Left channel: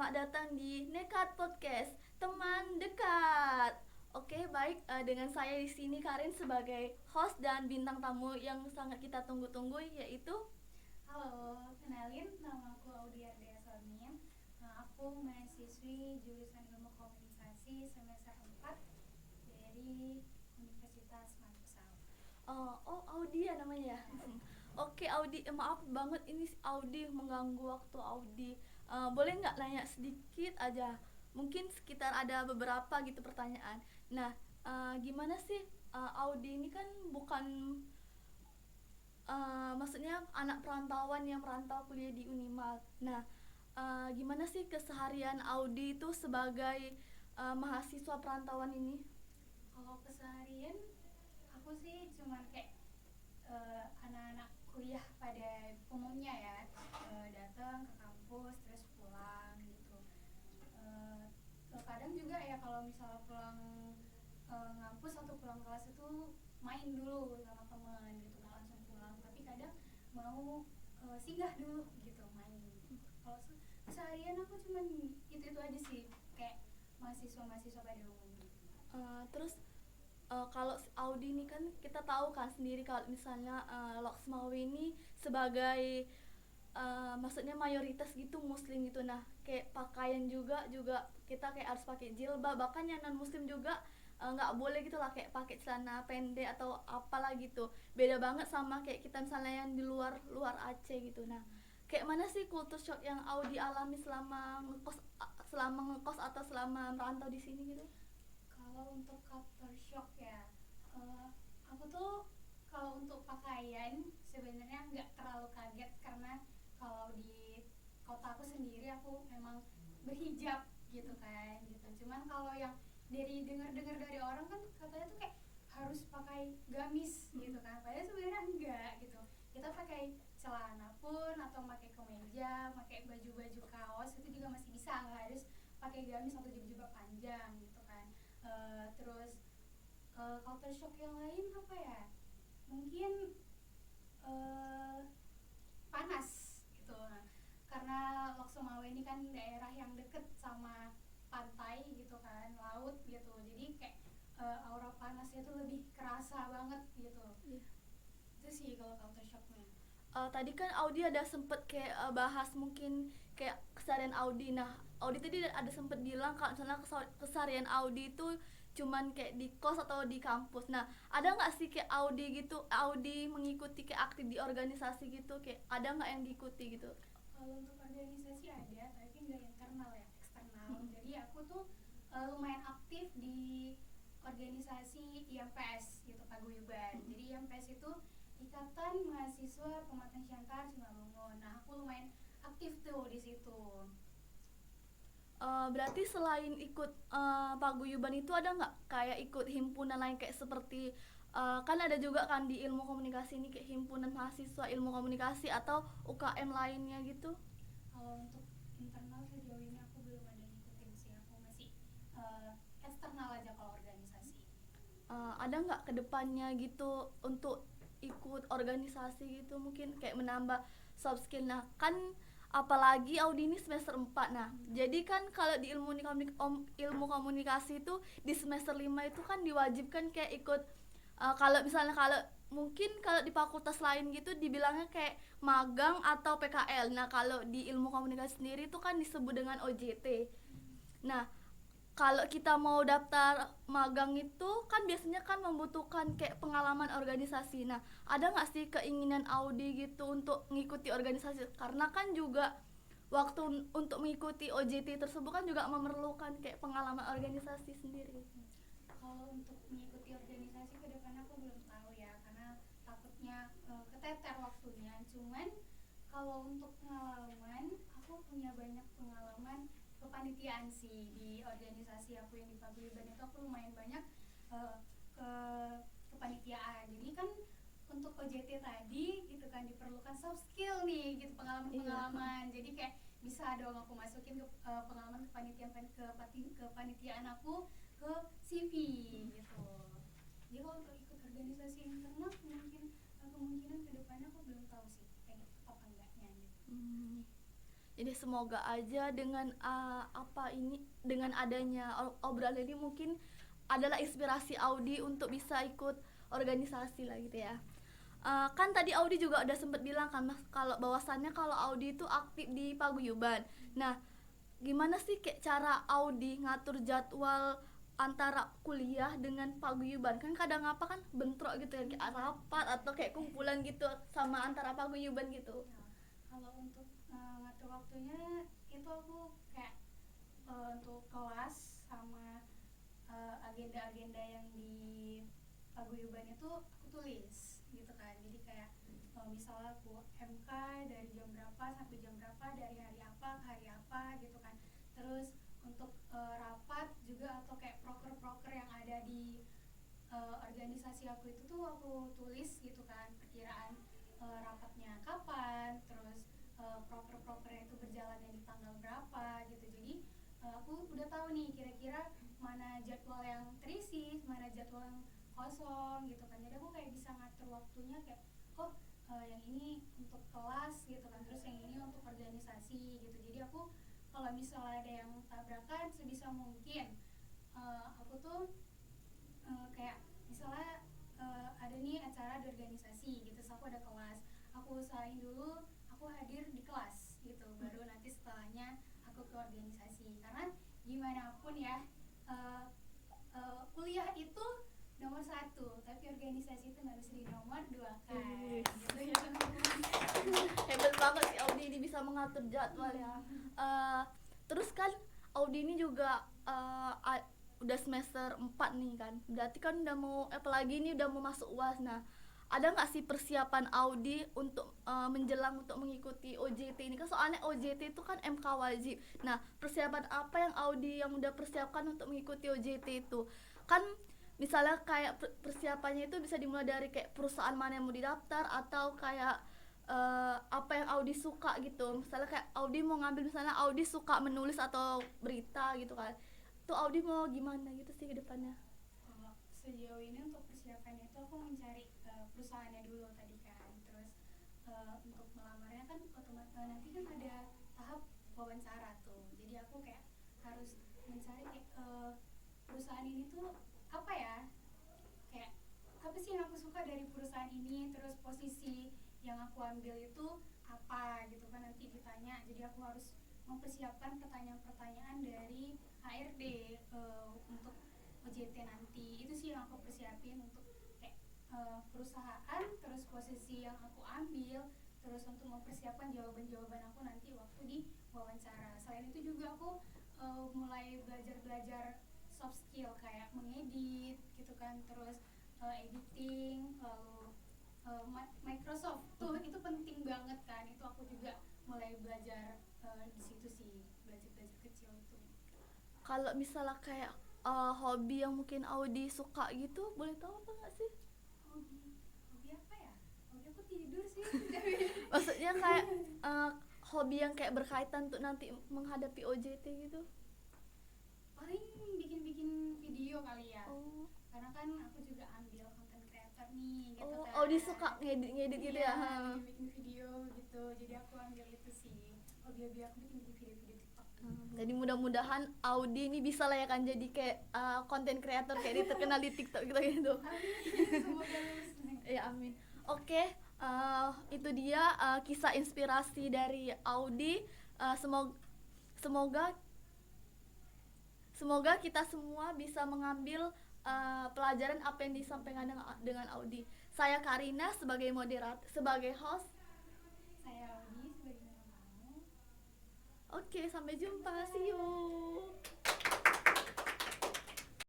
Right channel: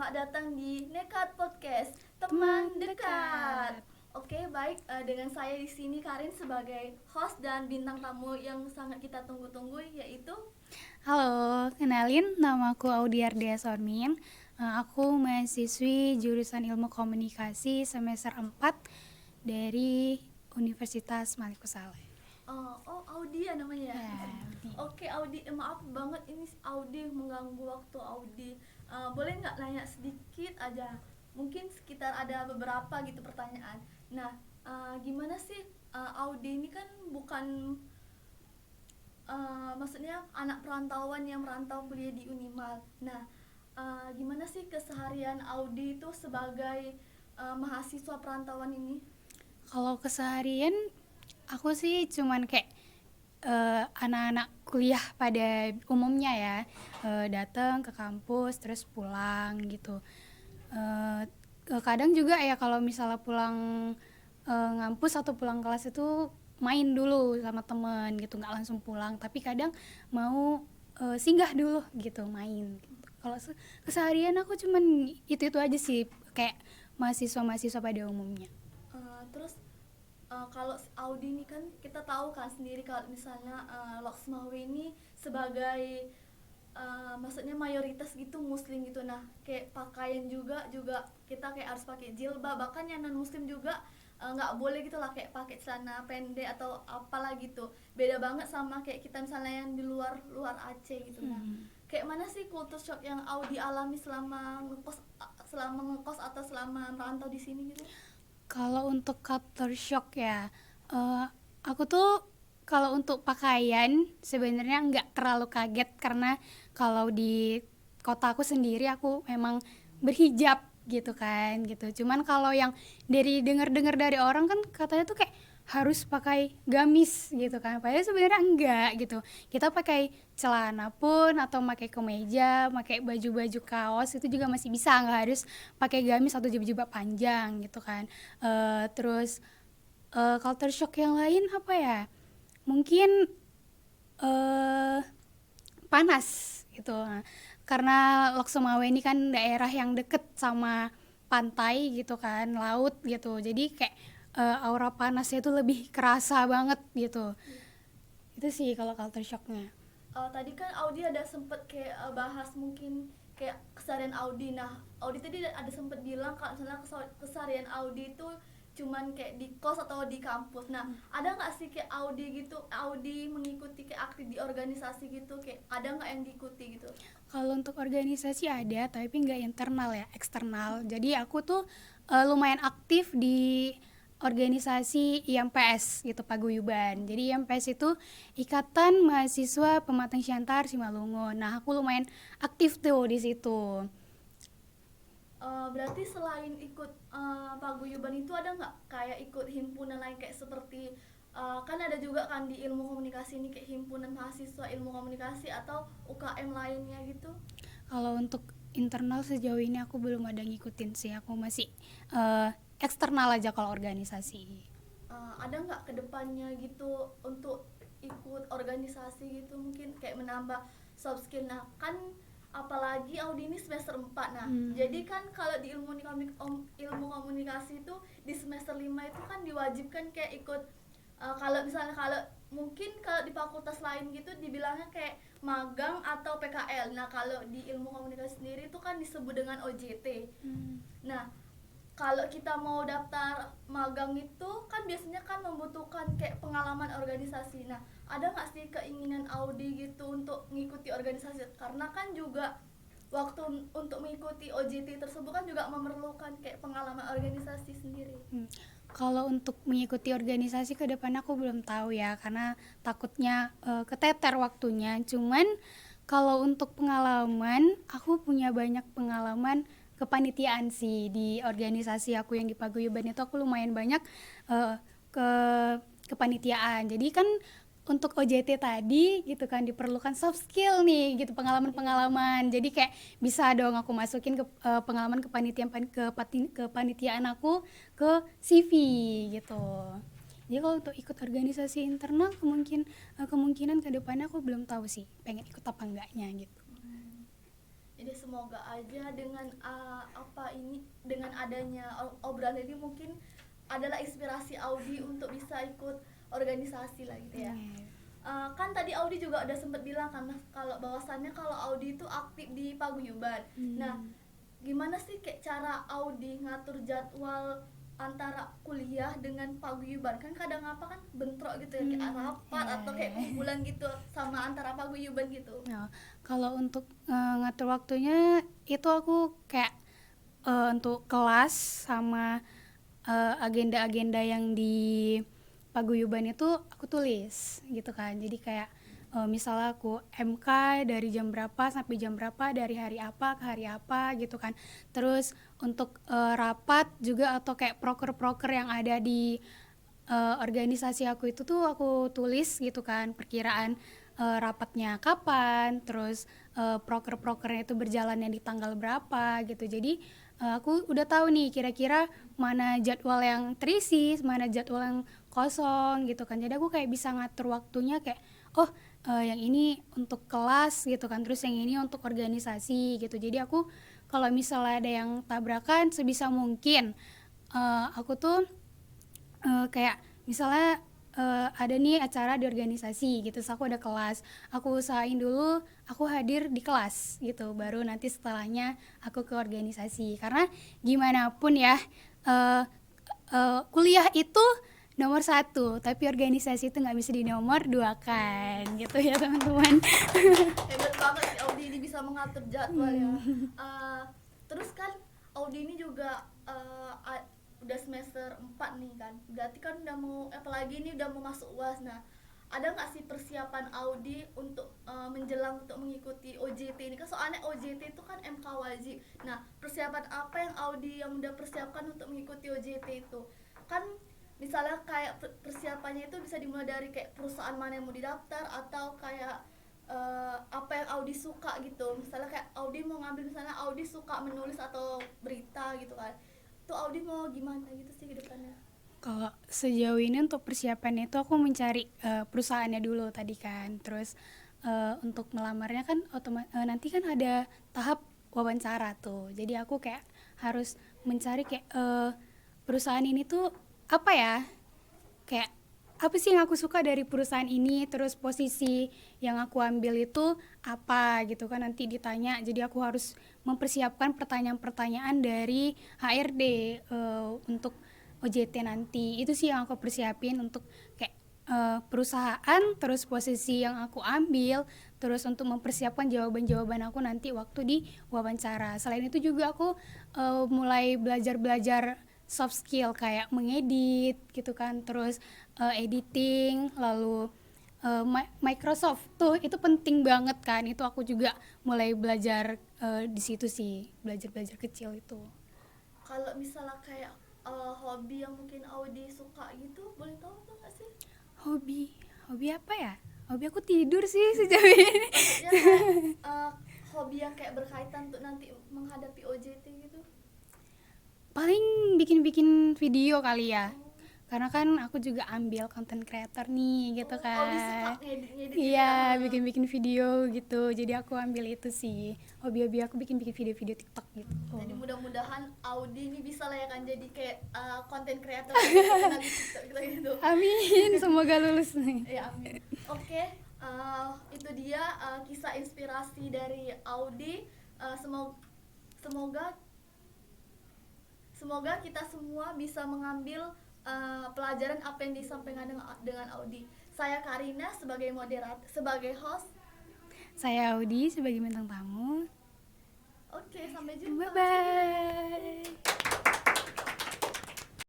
selamat datang di Nekat Podcast, teman dekat. Oke, baik. Dengan saya di sini Karin sebagai host dan bintang tamu yang sangat kita tunggu-tunggu, yaitu Halo, kenalin namaku Audiardia Sormin. Aku mahasiswi jurusan Ilmu Komunikasi semester 4 dari Universitas Malik Saleh. Audi ya namanya. Ya, Audi. Oke, Audi, maaf banget ini Audi mengganggu waktu Audi. Boleh nggak nanya sedikit aja? Mungkin sekitar ada beberapa gitu pertanyaan. Nah, gimana sih Audi ini kan bukan maksudnya anak perantauan yang merantau kuliah di Unimal. Nah, gimana sih keseharian Audi itu sebagai mahasiswa perantauan ini? Kalau keseharian aku sih cuman kayak anak-anak kuliah pada umumnya ya, datang ke kampus terus pulang gitu. Eh, Kadang juga ya kalau misalnya pulang ngampus atau pulang kelas itu main dulu sama temen gitu, nggak langsung pulang, tapi kadang mau singgah dulu gitu main gitu. Kalau keseharian aku cuman itu aja sih, kayak mahasiswa pada umumnya. Terus kalau Audi ini kan kita tahu kan sendiri kalau misalnya Loksmawe ini sebagai maksudnya mayoritas gitu muslim gitu. Nah, kayak pakaian juga kita kayak harus pakai jilbab, bahkan yang non muslim juga nggak boleh gitu lah kayak pakai celana pendek atau apalah gitu. Beda banget sama kayak kita misalnya yang di luar luar Aceh gitu. Nah, kayak mana sih culture shock yang Audi alami selama ngekos atau selama merantau di sini gitu? Kalau untuk culture shock ya, eh, aku tuh kalau untuk pakaian sebenarnya nggak terlalu kaget, karena kalau di kota aku sendiri aku memang berhijab gitu kan gitu. Cuman kalau yang dari dengar-dengar dari orang kan katanya tuh kayak harus pakai gamis gitu kan. Padahal sebenarnya enggak gitu. Kita pakai celana pun atau pakai kemeja, pakai baju-baju kaos itu juga masih bisa, nggak harus pakai gamis atau jilbab panjang gitu kan. Terus culture shock yang lain apa ya? Mungkin eh panas gitu. Nah, karena Lok Sumawe ini kan daerah yang deket sama pantai gitu kan, laut gitu. Jadi kayak aura panasnya itu lebih kerasa banget gitu. Itu sih kalau culture shocknya. Tadi kan Audi ada sempet kayak bahas mungkin kayak keseharian Audi. Nah, Audi tadi ada sempet bilang kalau misalnya keseharian Audi itu cuman kayak di kos atau di kampus. Nah, ada nggak sih kayak Audi gitu, Audi mengikuti kayak aktif di organisasi gitu, kayak ada nggak yang diikuti gitu? Kalau untuk organisasi ada, tapi nggak internal ya, eksternal. Jadi aku tuh lumayan aktif di organisasi IMPS gitu, Paguyuban. Jadi IMPS itu Ikatan Mahasiswa Pematang Siantar Simalungun. Nah, aku lumayan aktif tuh di situ. Berarti selain ikut paguyuban itu ada nggak kayak ikut himpunan lain kayak seperti kan ada juga kan di ilmu komunikasi ini kayak himpunan mahasiswa ilmu komunikasi atau UKM lainnya gitu? Kalau untuk internal sejauh ini aku belum ada ngikutin sih. Aku masih eh, eksternal aja kalau organisasi. Ada nggak kedepannya gitu untuk ikut organisasi gitu mungkin kayak menambah soft skill? Nah kan apalagi Audi ini semester 4. Nah jadi kan kalau di ilmu komunikasi itu di semester 5 itu kan diwajibkan kayak ikut kalau misalnya kalau mungkin kalau di fakultas lain gitu dibilangnya kayak magang atau PKL. Nah kalau di ilmu komunikasi sendiri itu kan disebut dengan OJT. Nah kalau kita mau daftar magang itu kan biasanya kan membutuhkan kayak pengalaman organisasi. Nah, ada nggak sih keinginan Audi gitu untuk mengikuti organisasi? Karena kan juga waktu untuk mengikuti OJT tersebut kan juga memerlukan kayak pengalaman organisasi sendiri. Kalau untuk mengikuti organisasi ke depan aku belum tahu ya, karena takutnya keteter waktunya. Cuman kalau untuk pengalaman, aku punya banyak pengalaman kepanitiaan sih di organisasi aku yang di Paguyuban itu. Aku lumayan banyak eh, ke kepanitiaan. Jadi kan untuk OJT tadi gitu kan diperlukan soft skill nih gitu, Iya. pengalaman-pengalaman. Jadi kayak bisa dong aku masukin ke pengalaman kepanitiaan aku ke CV gitu. Jadi kalau untuk ikut organisasi internal kemungkinan kedepannya aku belum tahu sih pengen ikut apa enggaknya gitu. Jadi semoga aja dengan dengan adanya obrolan ini mungkin adalah inspirasi Audi untuk bisa ikut organisasi lah gitu ya. Kan tadi Audi juga udah sempet bilang kan Mas kalau bahwasannya kalau Audi itu aktif di paguyuban. Nah, gimana sih kayak cara Audi ngatur jadwal antara kuliah dengan paguyuban? Kan kadang apa kan bentrok gitu ya, kayak rapat atau kayak kumpulan gitu sama antara paguyuban gitu. Nah, kalau untuk ngatur waktunya itu aku kayak untuk kelas sama agenda-agenda yang di paguyuban itu aku tulis gitu kan. Jadi kayak misalnya aku MK dari jam berapa sampai jam berapa, dari hari apa ke hari apa gitu kan. Terus untuk rapat juga atau kayak proker-proker yang ada di organisasi aku itu tuh aku tulis gitu kan, perkiraan rapatnya kapan, terus proker-prokernya itu berjalannya di tanggal berapa gitu. Jadi aku udah tahu nih kira-kira mana jadwal yang terisi, mana jadwal yang kosong gitu kan. Jadi aku kayak bisa ngatur waktunya kayak yang ini untuk kelas gitu kan, terus yang ini untuk organisasi gitu. Jadi aku kalau misalnya ada yang tabrakan sebisa mungkin aku tuh kayak misalnya ada nih acara di organisasi gitu, so aku ada kelas, aku usahain dulu aku hadir di kelas gitu, baru nanti setelahnya aku ke organisasi. Karena gimana pun ya kuliah itu nomor 1, tapi organisasi itu nggak bisa di nomor 2 kan gitu ya teman-teman. Hebat banget sih Audi ini bisa mengatur jadwal ya. Terus kan Audi ini juga udah semester 4 nih kan, berarti kan udah mau apalagi ini udah mau masuk UAS. Nah, ada nggak sih persiapan Audi untuk menjelang untuk mengikuti OJT ini kan, soalnya OJT itu kan MK wajib. Nah, persiapan apa yang Audi yang udah persiapkan untuk mengikuti OJT itu? Kan misalnya kayak persiapannya itu bisa dimulai dari kayak perusahaan mana yang mau didaftar, atau kayak apa yang Audi suka gitu. Misalnya kayak Audi mau ngambil, misalnya Audi suka menulis atau berita gitu kan, itu Audi mau gimana gitu sih ke depannya? Kalau sejauh ini untuk persiapannya itu aku mencari perusahaannya dulu tadi kan. Terus untuk melamarnya kan nanti kan ada tahap wawancara tuh. Jadi aku kayak harus mencari kayak perusahaan ini tuh apa ya? Kayak apa sih yang aku suka dari perusahaan ini, terus posisi yang aku ambil itu apa gitu kan, nanti ditanya. Jadi aku harus mempersiapkan pertanyaan-pertanyaan dari HRD untuk OJT nanti. Itu sih yang aku persiapin untuk kayak perusahaan, terus posisi yang aku ambil, terus untuk mempersiapkan jawaban-jawaban aku nanti waktu di wawancara. Selain itu juga aku mulai belajar soft skill kayak mengedit gitu kan, terus editing, lalu Microsoft tuh itu penting banget kan. Itu aku juga mulai belajar di situ sih, belajar kecil itu. Kalau misalnya kayak hobi yang mungkin Audi suka gitu, boleh tahu apa nggak sih? Hobi apa ya? Hobi aku tidur sih sejauh ini. Maksudnya kayak hobi yang kayak berkaitan untuk nanti menghadapi OJT gitu. Paling bikin video kali ya. Karena kan aku juga ambil content creator nih gitu kan. Audi suka ngedit Iya, bikin video gitu. Jadi aku ambil itu sih. Hobi aku bikin video TikTok gitu. Jadi mudah-mudahan Audi ini bisa lah ya kan jadi kayak content creator gitu, terkenal di TikTok gitu. Amin, semoga lulus nih. Ya amin. Oke, itu dia kisah inspirasi dari Audi. Semoga kita semua bisa mengambil pelajaran apa yang disampaikan dengan Audi. Saya Karina sebagai moderator, sebagai host. Saya Audi sebagai bintang tamu. Oke, sampai jumpa. Bye bye.